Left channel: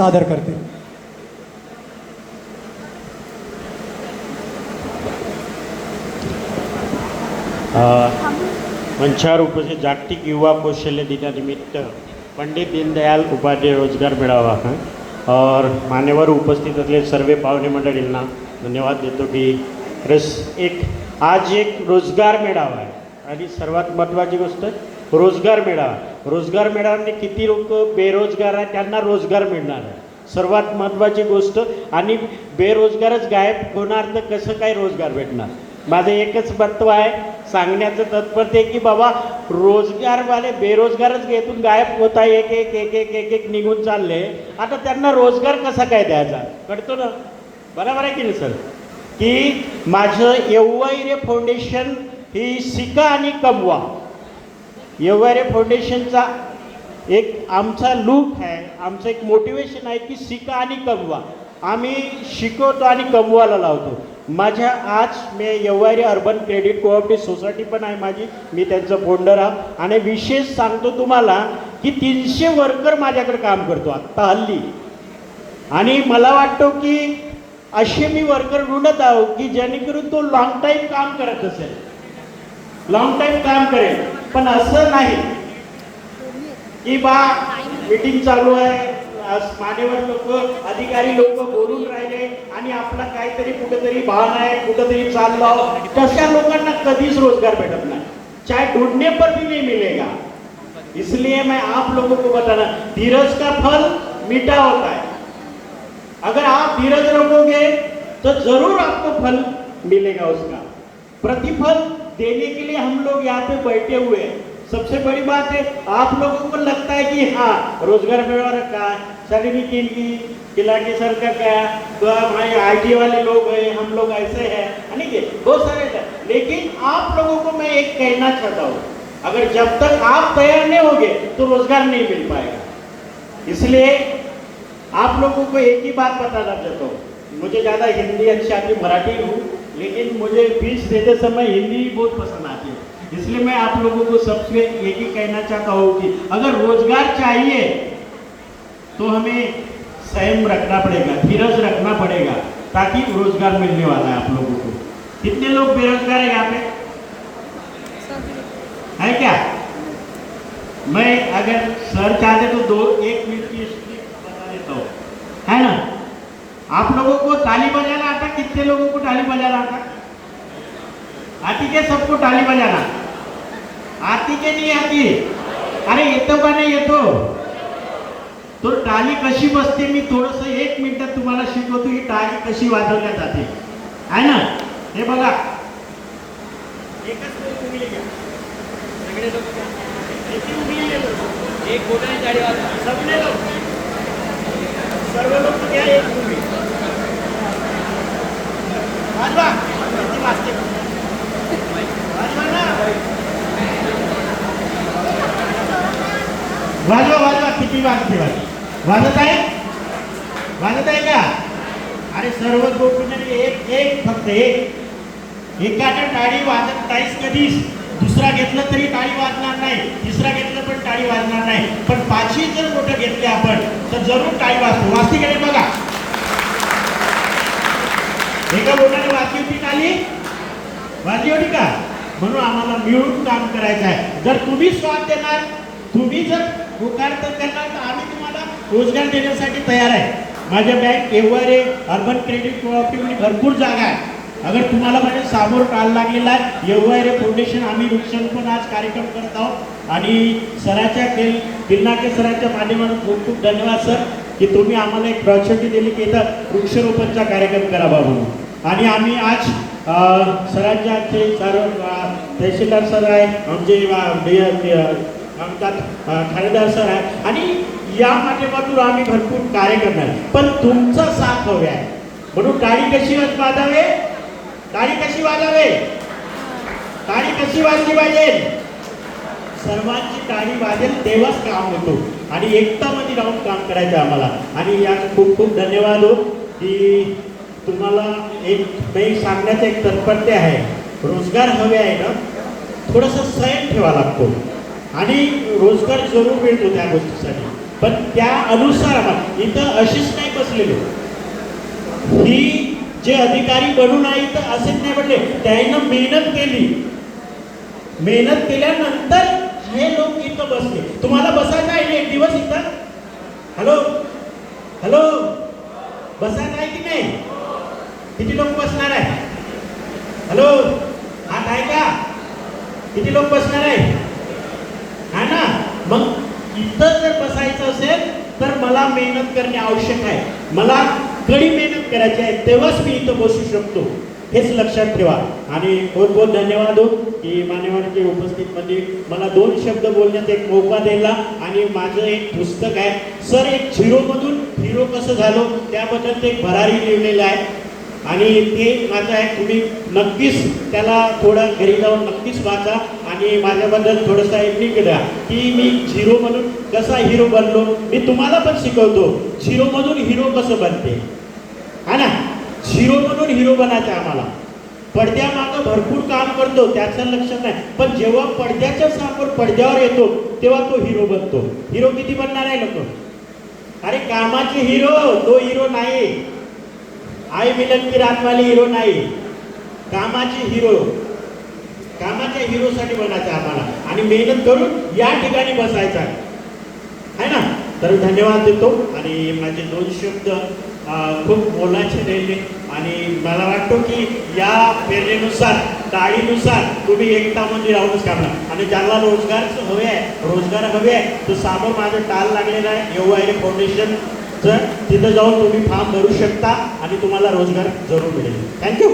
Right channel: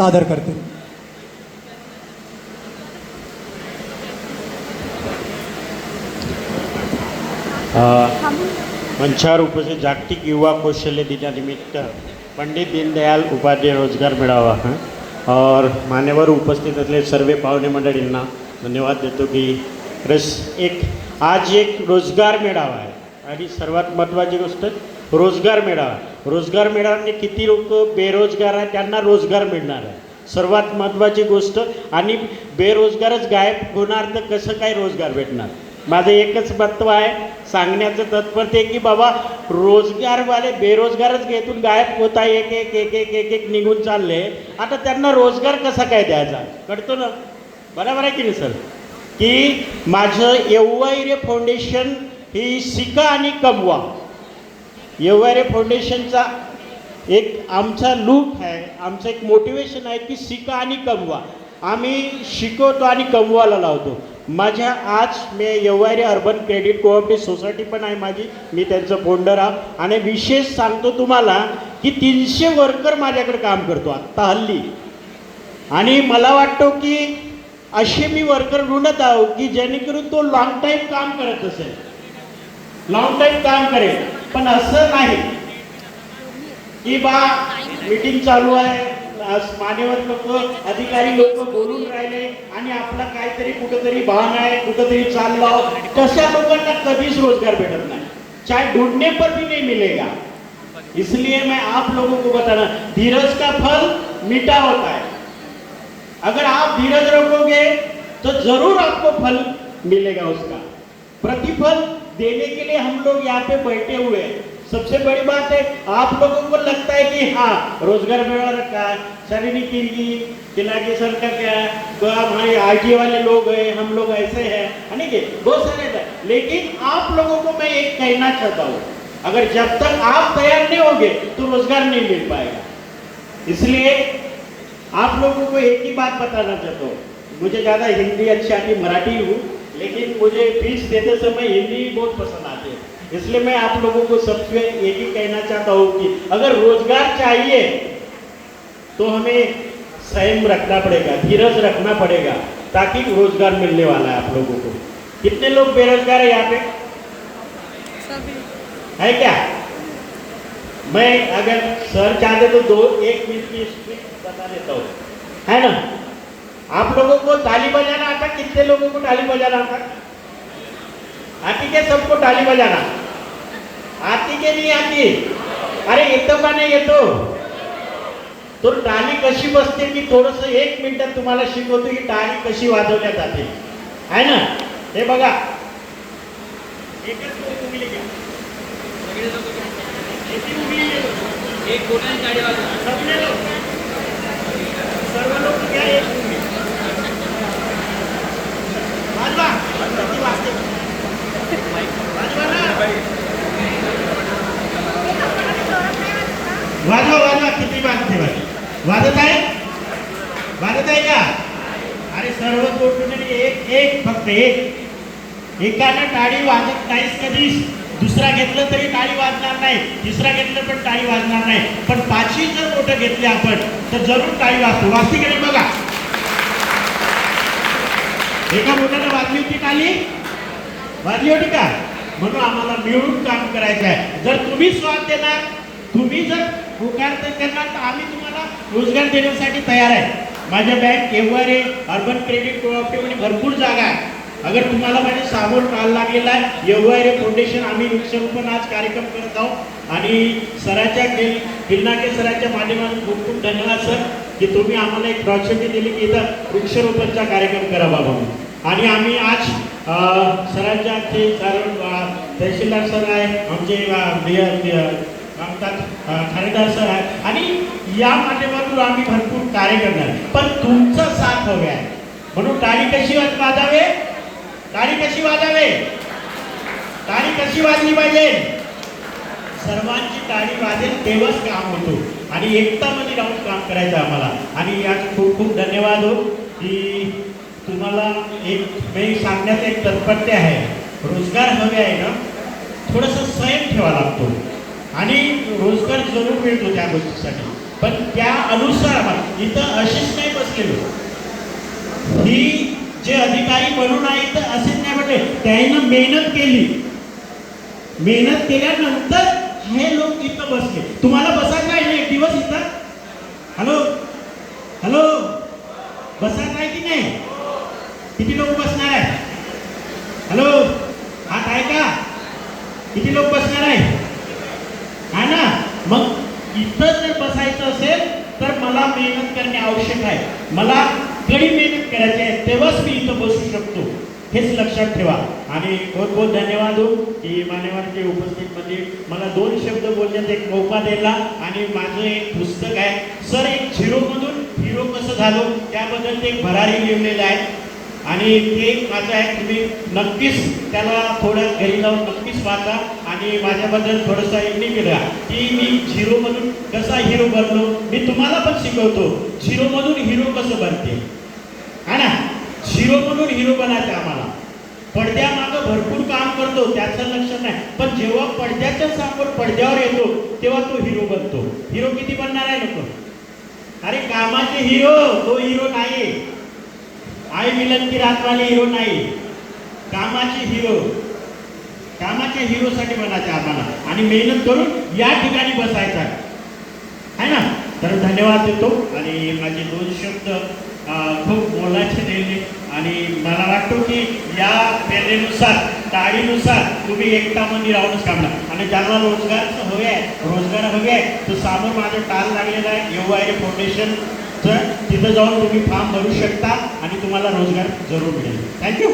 सादर करतील. मंचावर उपस्थित जागतिक युवा कौशल्य दिनानिमित्त पंडित दीनदयाल उपाध्याय रोजगार मेळावा और मान्यवर उपस्थित असलेले सर्व पाहुणे मंडळींना धन्यवाद देतो की आज एक रोजगार मेळावा आहे आणि सर्वात महत्त्वाची गोष्ट रोजगार मेळाव्याने किती लोक बेरोजगार आहेत त्यांना रोजगार मिळणार आहे सर्वात महत्त्वाची गोष्ट. आणि बेरोजगारच गायब होणार तर कसं काय रोजगार भेटणार. माझं एकच तत्व आहे सांगण्याचं तात्पर्य की बाबा रोजगारवाले बेरोजगारच घेतून गायब होत आहे एक एक एक एक एक एक निघून चालले. आता त्यांना रोजगार कसा काय द्यायचा कळतो ना. बरोबर आहे की नाही सर. की माझं येववाईरे फाउंडेशन ही शिका आणि कमवा येववाईरे फाउंडेशनचा एक आमचा लूक आहे आमचं एक मोटिवेशन आहे की शिका आणि कमवा. आम्ही शिकवतो आणि कमवायला लावतो. माझ्या आज मी येववाईरे अर्बन क्रेडिट कोऑपरेटिव्ह सोसायटी पण आहे माझी मी त्यांचं फाउंडर आहे. आणि विशेष सांगतो तुम्हाला की 300 वर्कर माझ्याकडे काम करतो आत्ता हल्ली. आणि मला वाटतं की असे मी वर्कर ढूंढत आहो की जेणेकरून तो लॉंग टाईम काम करत असेल लॉंग टाईम काम करेल. पण असं नाही की बा मीटिंग चालू आहे मान्यवर लोक अधिकारी लोक बोलून राहिले आणि आपला काहीतरी कुठेतरी बहाणा आहे कुठेतरी चाललं तशा लोकांना कधीच रोजगार भेटत नाही. चाहे ढूंढने पर भी नहीं मिलेगा. इसलिए मैं आप लोगों को बताना धीरज का फल मीठा होता है. अगर आप धीरज रखोगे तो जरूर आपको फल मिलेगा. उसका प्रतिफल देने के लिए हम लोग यहाँ पे बैठे हुए हैं. सबसे बड़ी बात है आप लोगों को लगता है कि हाँ रोजगार मेला रखा सैलरी की खिलाके सर का क्या तो हमारे IT वाले लोग हैं हम लोग ऐसे हैं नहीं बहुत सारे हैं. लेकिन आप लोगों को मैं एक कहना चाहता हूँ अगर जब तक आप तैयार नहीं होंगे तो रोजगार नहीं मिल पाएगा. इसलिए आप लोगों को एक ही बात बताना चाहता हूँ. मुझे ज़्यादा हिंदी अच्छी आती मराठी हूँ लेकिन मुझे स्पीच देते समय हिंदी बहुत पसंद आती है. इसलिए मैं आप लोगों को सबसे एक ही कहना चाहता हूँ कि अगर रोजगार चाहिए तो हमें संयम रखना पड़ेगा धीरज रखना पड़ेगा ताकि रोजगार मिलने वाला है आप लोगों को. कितने लोग बेरोजगार है यहाँ पे है क्या. मैं अगर सर चाहते तो 1 मिनट की स्क्रिप्ट बता देता हूँ है ना. आप लोगों को ताली बजाना आता. कितने लोगों को ताली बजाना आता आती क्या सबको ताली बजाना आती के नहीं आती. अरे येतो का नाही येतो तो टाळी कशी बसते मी थोडस 1 मिनिटात तुम्हाला शिकवतो की टाळी कशी वाजवल्या जाते है ना. हे बघा एकच लोक उगले घ्या एक बोलायला टाळी वाजवा सगळे लोक सर्व लोक घ्या एक वाजवा वाजते वाजवा वाजवा किती वाजते वाजत आहे का. अरे सर्व गोष्टी एक फक्त एकाने टाळी वाजत नाहीस कधीच. दुसरा घेतलं तरी टाळी वाजणार नाही तिसरा घेतलं पण टाळी वाजणार नाही. पण 5ही जर मोठं घेतले आपण तर जरूर टाळी वाजते की नाही बघा. एका बोटाने वाजली होती टाळी वाजली होती का. म्हणून आम्हाला मिळून काम करायचं आहे. जर तुम्ही स्वाद देणार तुम्ही जर होकार करणार तर आम्ही तुम्हाला रोजगार देण्यासाठी तयार आहे. माझ्या बँक येववाईरे अर्बन क्रेडिट कोऑपरेटिव्ह भरपूर जागा आहे. अगर तुम्हाला माझ्या समोर काल लागलेला आहे येववाईरे फाउंडेशन आम्ही वृक्षारोपण आज कार्यक्रम करत आहोत. आणि सराच्या गिरनाके सराच्या माध्यमातून खूप खूप धन्यवाद सर की तुम्ही आम्हाला एक प्रॉपर्टी दिली की इथं वृक्षारोपणचा कार्यक्रम करावा म्हणून. आणि आम्ही आज सरांच्या ते तहसीलदार सर आहे आमचे खासदार सर आहे आणि या माध्यमातून आम्ही भरपूर कार्य करणार. पण तुमचा साथ हवा आहे म्हणून टाळी कशी वाजवावे टाळी कशी वाजली पाहिजे. सर्वांची टाळी वाजेल तेव्हाच काम होतो आणि एकतामध्ये राहून काम करायचं आम्हाला. आणि या खूप खूप धन्यवाद हो की तुम्हाला एक सांगण्याचं एक तात्पर्य आहे. रोजगार हवे आहे ना थोडंसं संयम ठेवा लागतो आणि रोजगार जरूर मिळतो त्या गोष्टीसाठी. पण त्या अनुसार इथं अशीच नाही बसलेलो, ही जे अधिकारी बनून आहे इथं असेच नाही म्हटले, त्यानं मेहनत केली, मेहनत केल्यानंतर हे लोक इथं बसले. तुम्हाला बसायचं आहे ना एक दिवस इथं? हॅलो हॅलो, बसायचं आहे की नाही? किती लोक बसणार आहे? हॅलो, हात आहे का? किती लोक बसणार आहे? हा ना, मग इथं जर बसायचं असेल तर मला मेहनत करणे आवश्यक आहे, मला कडी मेहनत करायची आहे, तेव्हाच मी इथं बसू शकतो, हेच लक्षात ठेवा. आणि बहुत बहुत धन्यवाद हो की मान्यवरांच्या उपस्थितीमध्ये मला 2 शब्द बोलण्याचा एक मौका दिला. आणि माझं एक पुस्तक आहे सर, एक झिरोमधून हिरो कसं झालो, त्याबद्दल ते एक भरारी लिहिलेलं आहे आणि ते माझं आहे. तुम्ही नक्कीच त्याला थोडं घरी जाऊन नक्कीच वाचा आणि माझ्याबद्दल थोडंसं ऐकणी केला की मी झिरोमधून कसा हिरो बनलो. मी तुम्हाला पण शिकवतो झिरोमधून हिरो कसं बनते, है ना. झिरोमधून हिरो बनायचं आम्हाला. पडद्यामागं भरपूर काम करतो त्याचं लक्ष नाही, पण जेव्हा पडद्याच्या समोर पडद्यावर येतो तेव्हा तो हिरो बनतो. हिरो किती बनणार आहे लोक? अरे कामाचे हिरो, तो हिरो नाही, आई मिलन की रात वाली हिरो नाही, कामाचे हिरो. कामाच्या हिरोसाठी बनायचं आम्हाला आणि मेहनत करून या ठिकाणी बसायचं आहे ना. तर धन्यवाद देतो आणि माझे 2 शब्द खूप मोलाचे राहिले आणि मला वाटतं की या प्रेरणेनुसार, टाळीनुसार तुम्ही एकतामध्ये राहूनच काढणार. आणि ज्याला रोजगारचं हवे आहे, रोजगार हवे आहे, तो समोर माझं टाल लागलेला आहे EY फाउंडेशनचं, तिथे जाऊन तुम्ही फॉर्म भरू शकता आणि तुम्हाला रोजगार जरूर मिळेल. थँक्यू.